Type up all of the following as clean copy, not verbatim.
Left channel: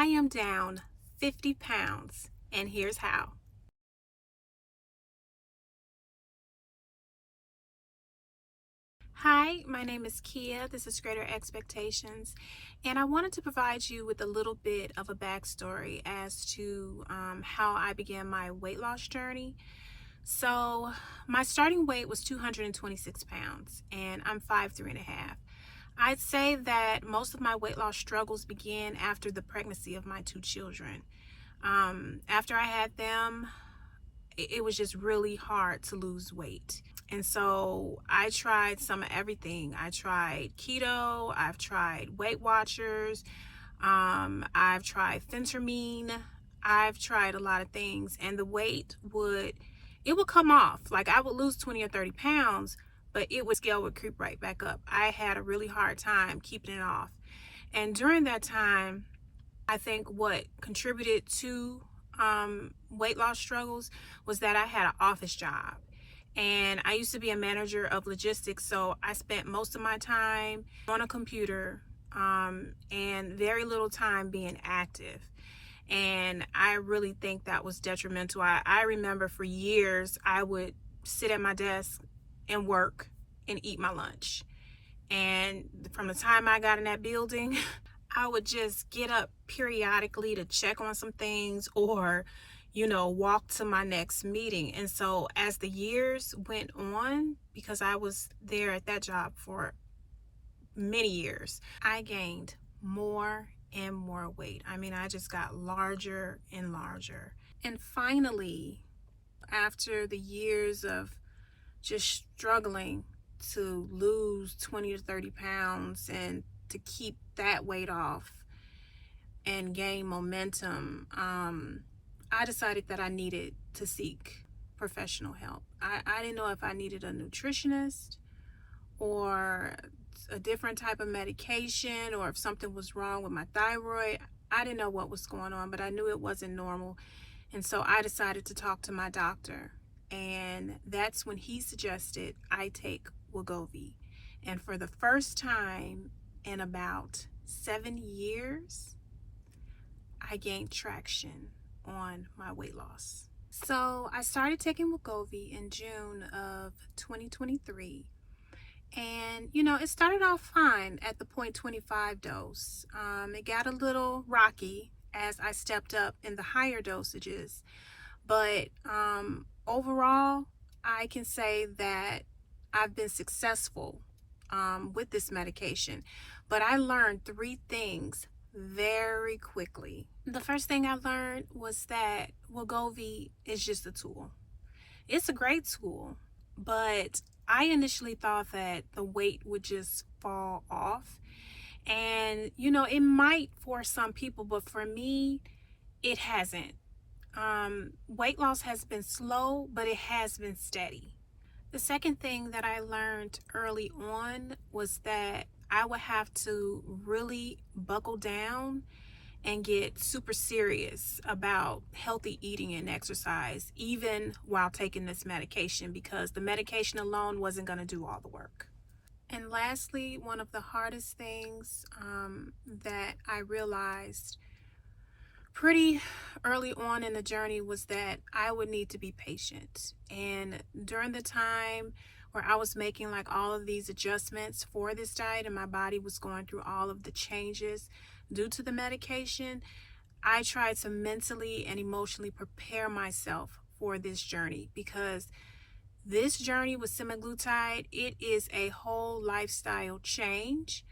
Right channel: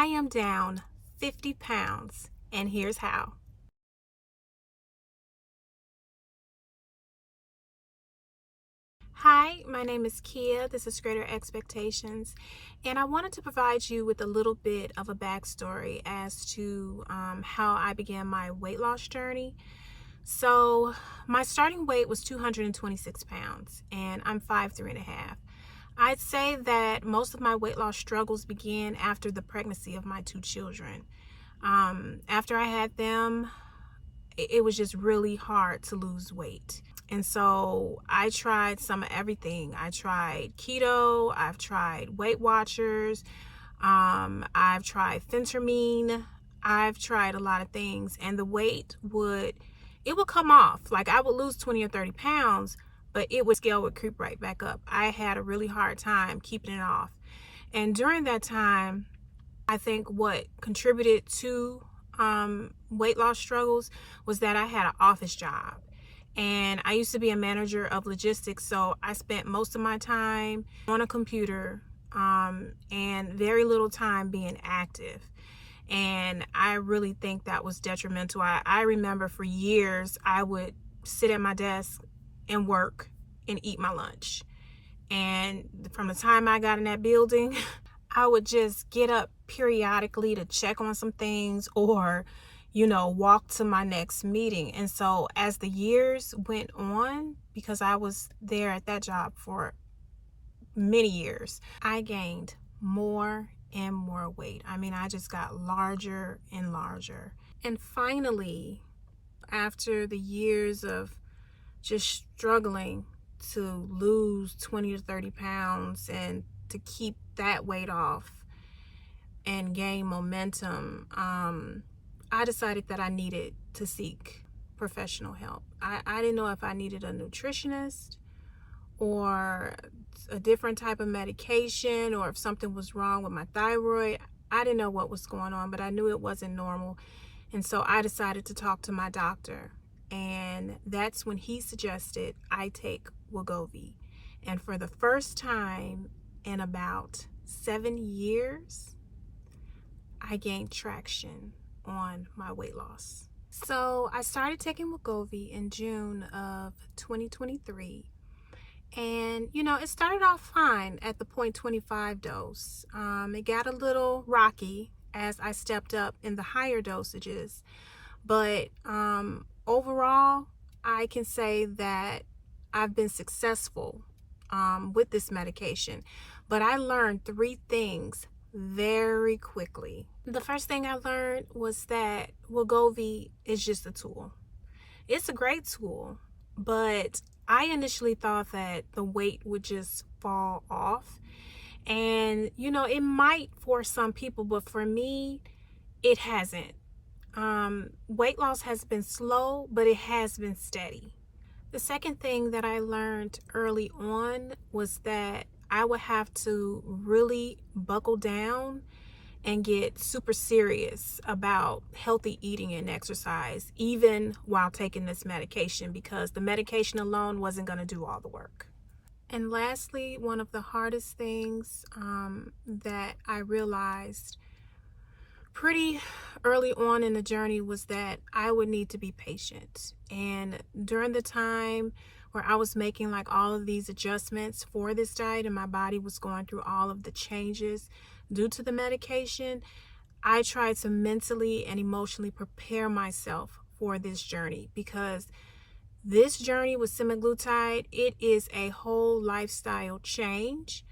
I am down 50 pounds, and here's how. Hi, my name is Kia. This is Greater Expectations, and I wanted to provide you with a little bit of a backstory as to how I began my weight loss journey. So, my starting weight was 226 pounds, and I'm 5'3.5". I'd say that most of my weight loss struggles began after the pregnancy of my two children. After I had them, it was just really hard to lose weight. And so I tried some of everything. I tried keto, I've tried Weight Watchers, I've tried phentermine, I've tried a lot of things, and the weight would come off. Like I would lose 20 or 30 pounds, but scale would creep right back up. I had a really hard time keeping it off. And during that time, I think what contributed to weight loss struggles was that I had an office job. And I used to be a manager of logistics, so I spent most of my time on a computer and very little time being active. And I really think that was detrimental. I remember for years I would sit at my desk and work and eat my lunch. And from the time I got in that building, I would just get up periodically to check on some things or walk to my next meeting. And so as the years went on, because I was there at that job for many years, I gained more and more weight. I mean, I just got larger and larger. And finally, after the years of just struggling to lose 20 to 30 pounds and to keep that weight off and gain momentum, I decided that I needed to seek professional help. I didn't know if I needed a nutritionist or a different type of medication or if something was wrong with my thyroid. I didn't know what was going on, but I knew it wasn't normal. And so I decided to talk to my doctor. And that's when he suggested I take WEGOVY. And for the first time in about 7 years, I gained traction on my weight loss. So I started taking WEGOVY in June of 2023. And, it started off fine at the 0.25 dose. It got a little rocky as I stepped up in the higher dosages. But overall, I can say that I've been successful with this medication. But I learned 3 things very quickly. The first thing I learned was that WEGOVY is just a tool. It's a great tool, but I initially thought that the weight would just fall off. And, it might for some people, but for me, it hasn't. Weight loss has been slow, but it has been steady. The second thing that I learned early on was that I would have to really buckle down and get super serious about healthy eating and exercise, even while taking this medication, because the medication alone wasn't going to do all the work. And lastly, one of the hardest things that I realized pretty early on in the journey was that I would need to be patient. And during the time where I was making like all of these adjustments for this diet and my body was going through all of the changes due to the medication, I tried to mentally and emotionally prepare myself for this journey, because this journey with semaglutide, it is a whole lifestyle change.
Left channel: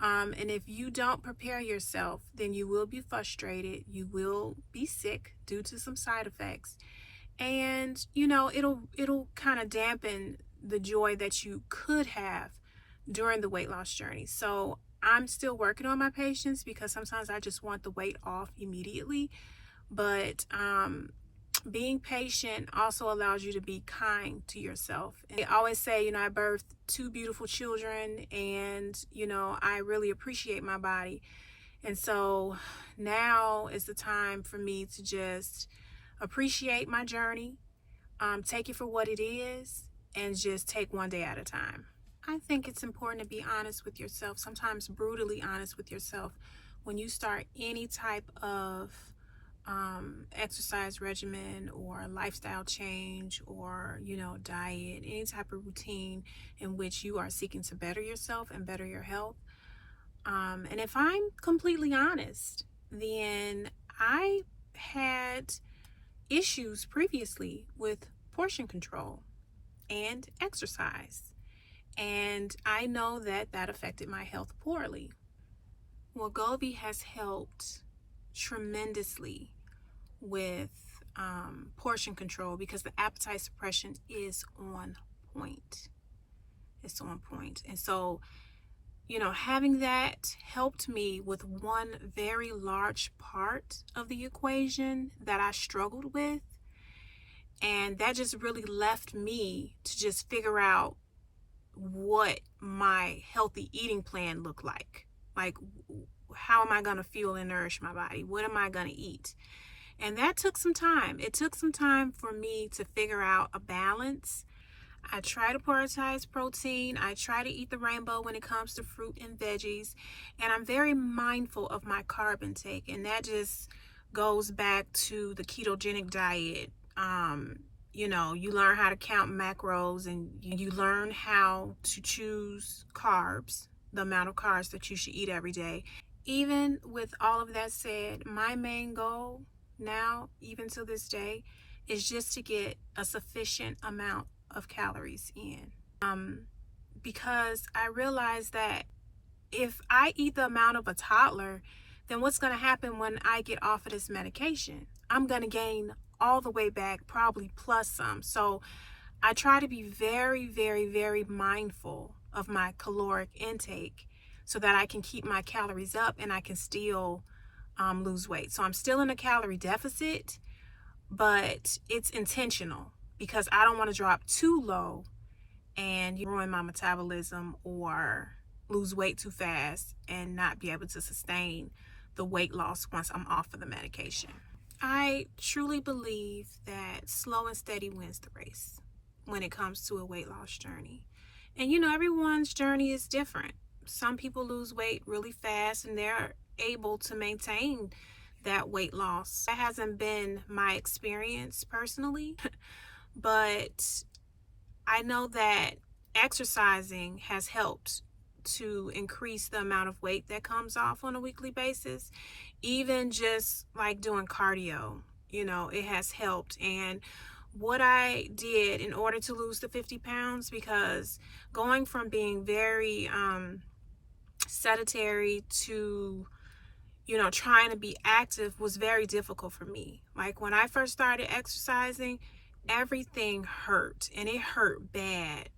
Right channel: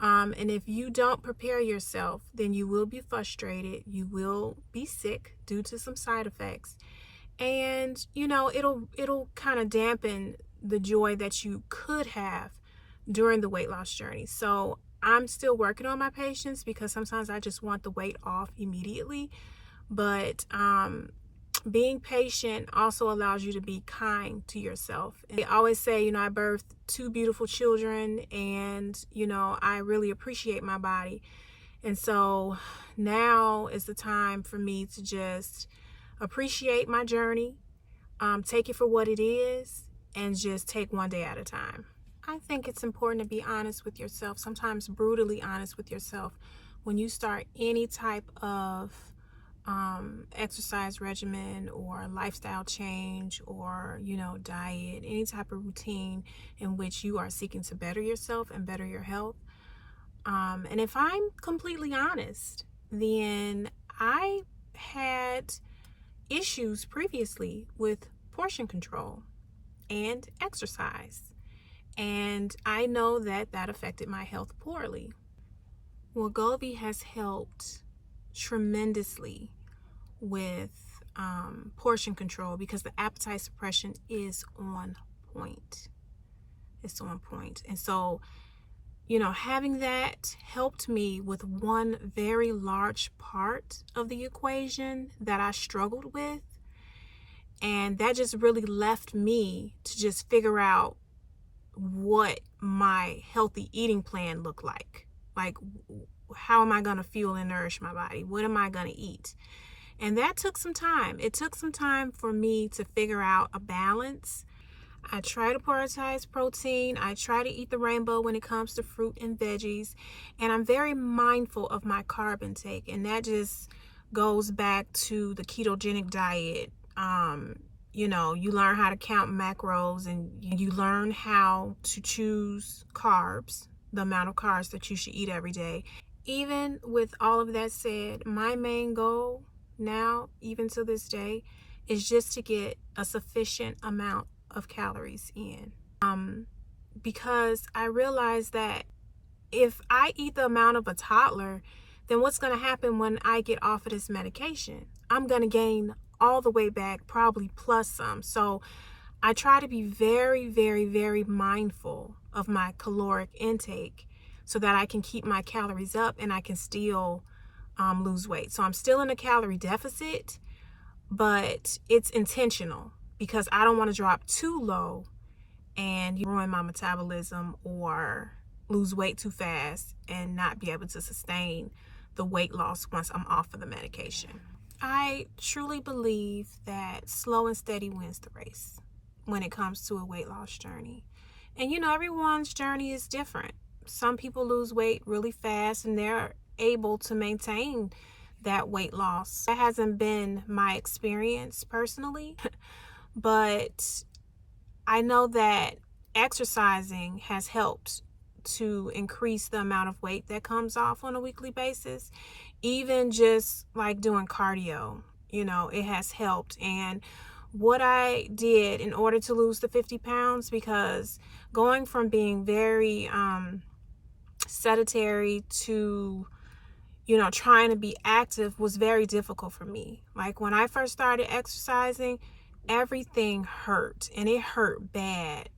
And if you don't prepare yourself, then you will be frustrated. You will be sick due to some side effects. And, it'll kind of dampen the joy that you could have during the weight loss journey. So I'm still working on my patience, because sometimes I just want the weight off immediately. But being patient also allows you to be kind to yourself. And they always say, I birthed 2 beautiful children, and, I really appreciate my body. And so now is the time for me to just appreciate my journey, take it for what it is, and just take one day at a time. I think it's important to be honest with yourself, sometimes brutally honest with yourself when you start any type of exercise regimen or lifestyle change, or diet, any type of routine in which you are seeking to better yourself and better your health. And if I'm completely honest, then I had issues previously with portion control and exercise, and I know that that affected my health poorly. WEGOVY has helped tremendously with portion control because the appetite suppression is on point. It's on point. And so, having that helped me with one very large part of the equation that I struggled with. And that just really left me to just figure out what my healthy eating plan looked like. Like, how am I going to fuel and nourish my body? What am I going to eat? And that took some time. It took some time for me to figure out a balance. I try to prioritize protein. I try to eat the rainbow when it comes to fruit and veggies. And I'm very mindful of my carb intake. And that just goes back to the ketogenic diet. You learn how to count macros, and you learn how to choose carbs, the amount of carbs that you should eat every day. Even with all of that said, my main goal now, even to this day, is just to get a sufficient amount of calories in. Because I realize that if I eat the amount of a toddler, then what's going to happen when I get off of this medication? I'm going to gain all the way back, probably plus some. So I try to be very, very, very mindful of my caloric intake so that I can keep my calories up and I can still lose weight. So I'm still in a calorie deficit, but it's intentional because I don't want to drop too low and ruin my metabolism or lose weight too fast and not be able to sustain the weight loss once I'm off of the medication. I truly believe that slow and steady wins the race when it comes to a weight loss journey. And everyone's journey is different. Some people lose weight really fast and they're able to maintain that weight loss. That hasn't been my experience personally, but I know that exercising has helped to increase the amount of weight that comes off on a weekly basis. Even just like doing cardio, it has helped. And what I did in order to lose the 50 pounds, because going from being very sedentary to trying to be active was very difficult for me. Like when I first started exercising, everything hurt, and it hurt bad,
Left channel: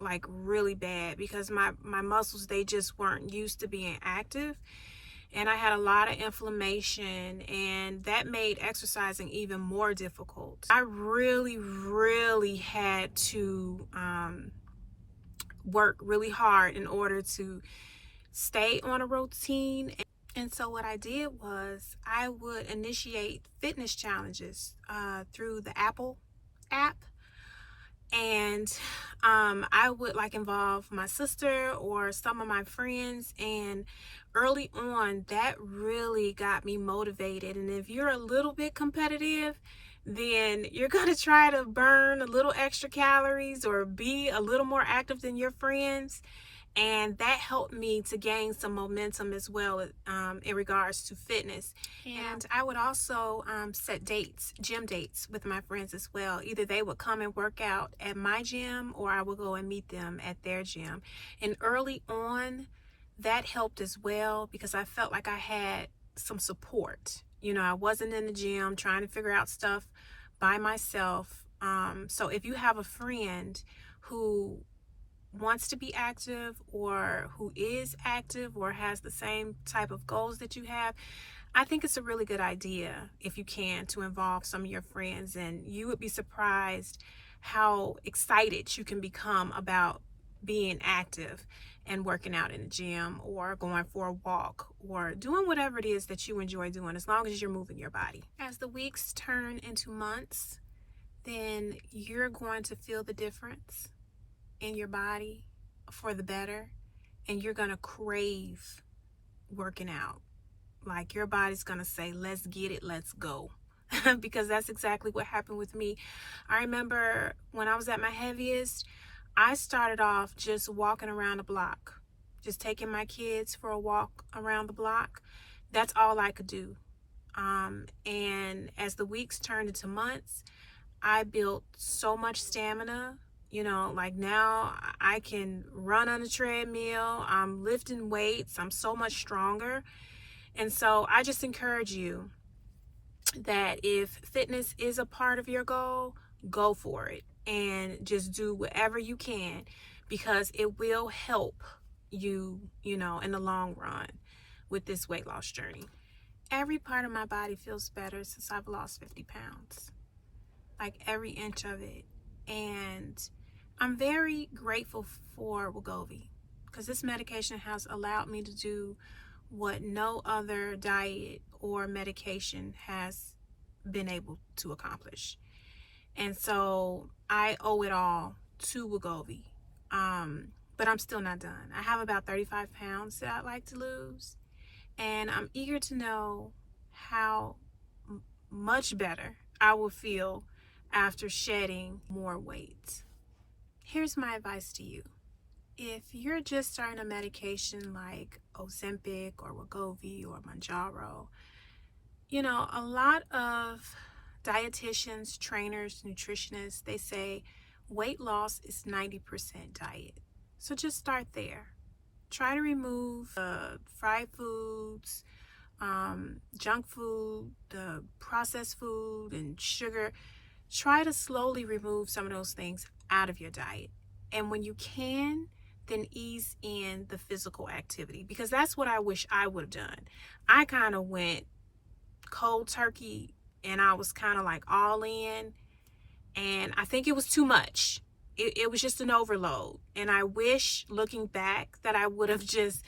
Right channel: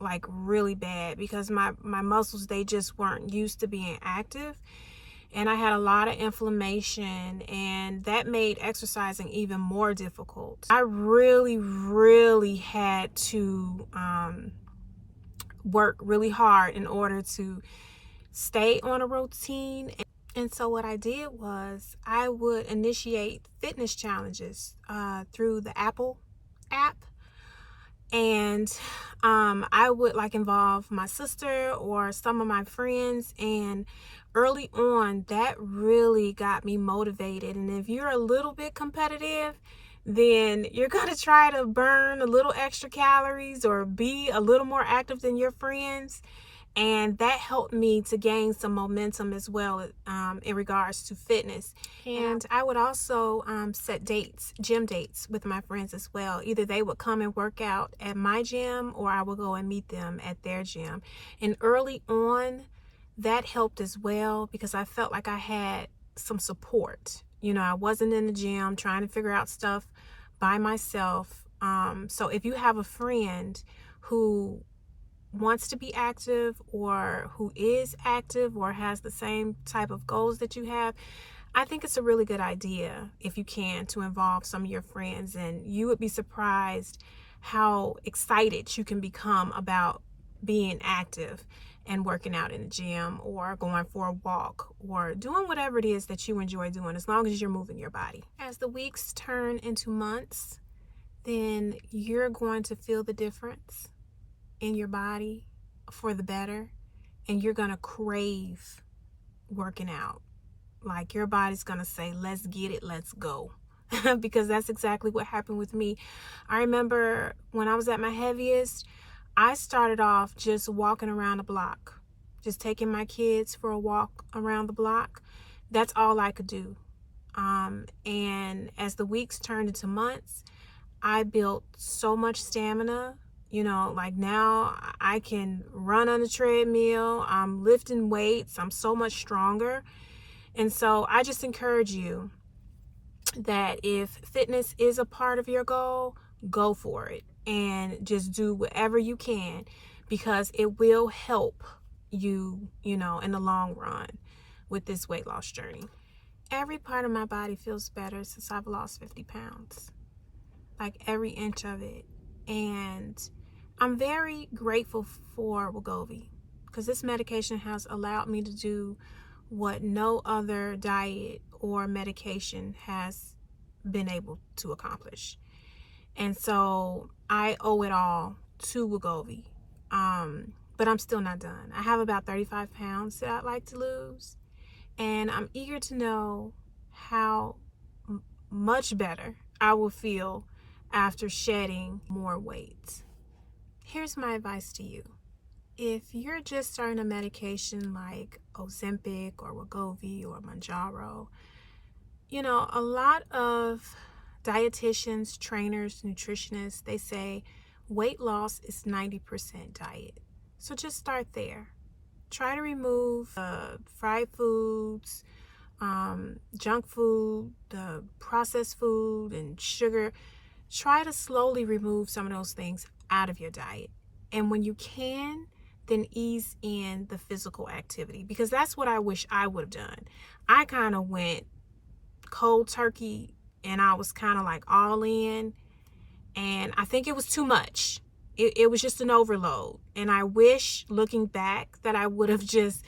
like really bad, because my muscles, they just weren't used to being active, and I had a lot of inflammation, and that made exercising even more difficult. I really had to work really hard in order to stay on a routine. And so what I did was I would initiate fitness challenges through the Apple app. And I would involve my sister or some of my friends. And early on, that really got me motivated. And if you're a little bit competitive, then you're going to try to burn a little extra calories or be a little more active than your friends. And that helped me to gain some momentum as well in regards to fitness. And I would also set dates, gym dates with my friends as well. Either they would come and work out at my gym, or I would go and meet them at their gym. And early on, that helped as well because I felt like I had some support. I wasn't in the gym trying to figure out stuff by myself. So if you have a friend who wants to be active, or who is active, or has the same type of goals that you have, I think it's a really good idea, if you can, to involve some of your friends. And you would be surprised how excited you can become about being active and working out in the gym, or going for a walk, or doing whatever it is that you enjoy doing, as long as you're moving your body. As the weeks turn into months, then you're going to feel the difference in your body for the better, and you're gonna crave working out. Like your body's gonna say, let's get it, let's go. Because that's exactly what happened with me. I remember when I was at my heaviest, I started off just walking around the block, just taking my kids for a walk around the block. That's all I could do. And as the weeks turned into months, I built so much stamina. You know, like now I can run on the treadmill, I'm lifting weights, I'm so much stronger. And so I just encourage you that if fitness is a part of your goal, go for it and just do whatever you can, because it will help you, you know, in the long run with this weight loss journey. Every part of my body feels better since I've lost 50 pounds, like every inch of it. And I'm very grateful for WEGOVY, because this medication has allowed me to do what no other diet or medication has been able to accomplish. And so I owe it all to WEGOVY. But I'm still not done. I have about 35 pounds that I'd like to lose, and I'm eager to know how much better I will feel after shedding more weight. Here's my advice to you. If you're just starting a medication like Ozempic or WEGOVY or Mounjaro, you know, a lot of dietitians, trainers, nutritionists, they say weight loss is 90% diet. So just start there. Try to remove fried foods, junk food, the processed food, and sugar. Try to slowly remove some of those things out of your diet. And when you can, then ease in the physical activity, because that's what I wish I would have done. I kind of went cold turkey and I was kind of like all in, and I think it was too much. It was just an overload. And I wish, looking back, that I would have just,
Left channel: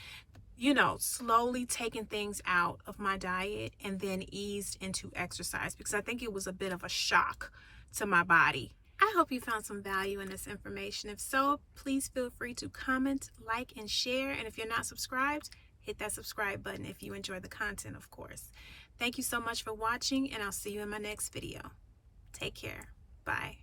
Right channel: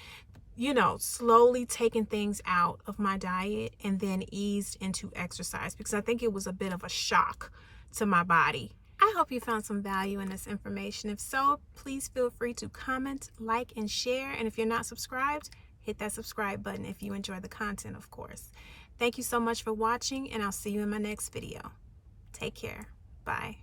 you know, slowly taken things out of my diet and then eased into exercise, because I think it was a bit of a shock to my body. I hope you found some value in this information. If so, please feel free to comment, like, and share. And if you're not subscribed, hit that subscribe button if you enjoy the content, of course. Thank you so much for watching, and I'll see you in my next video. Take care. Bye.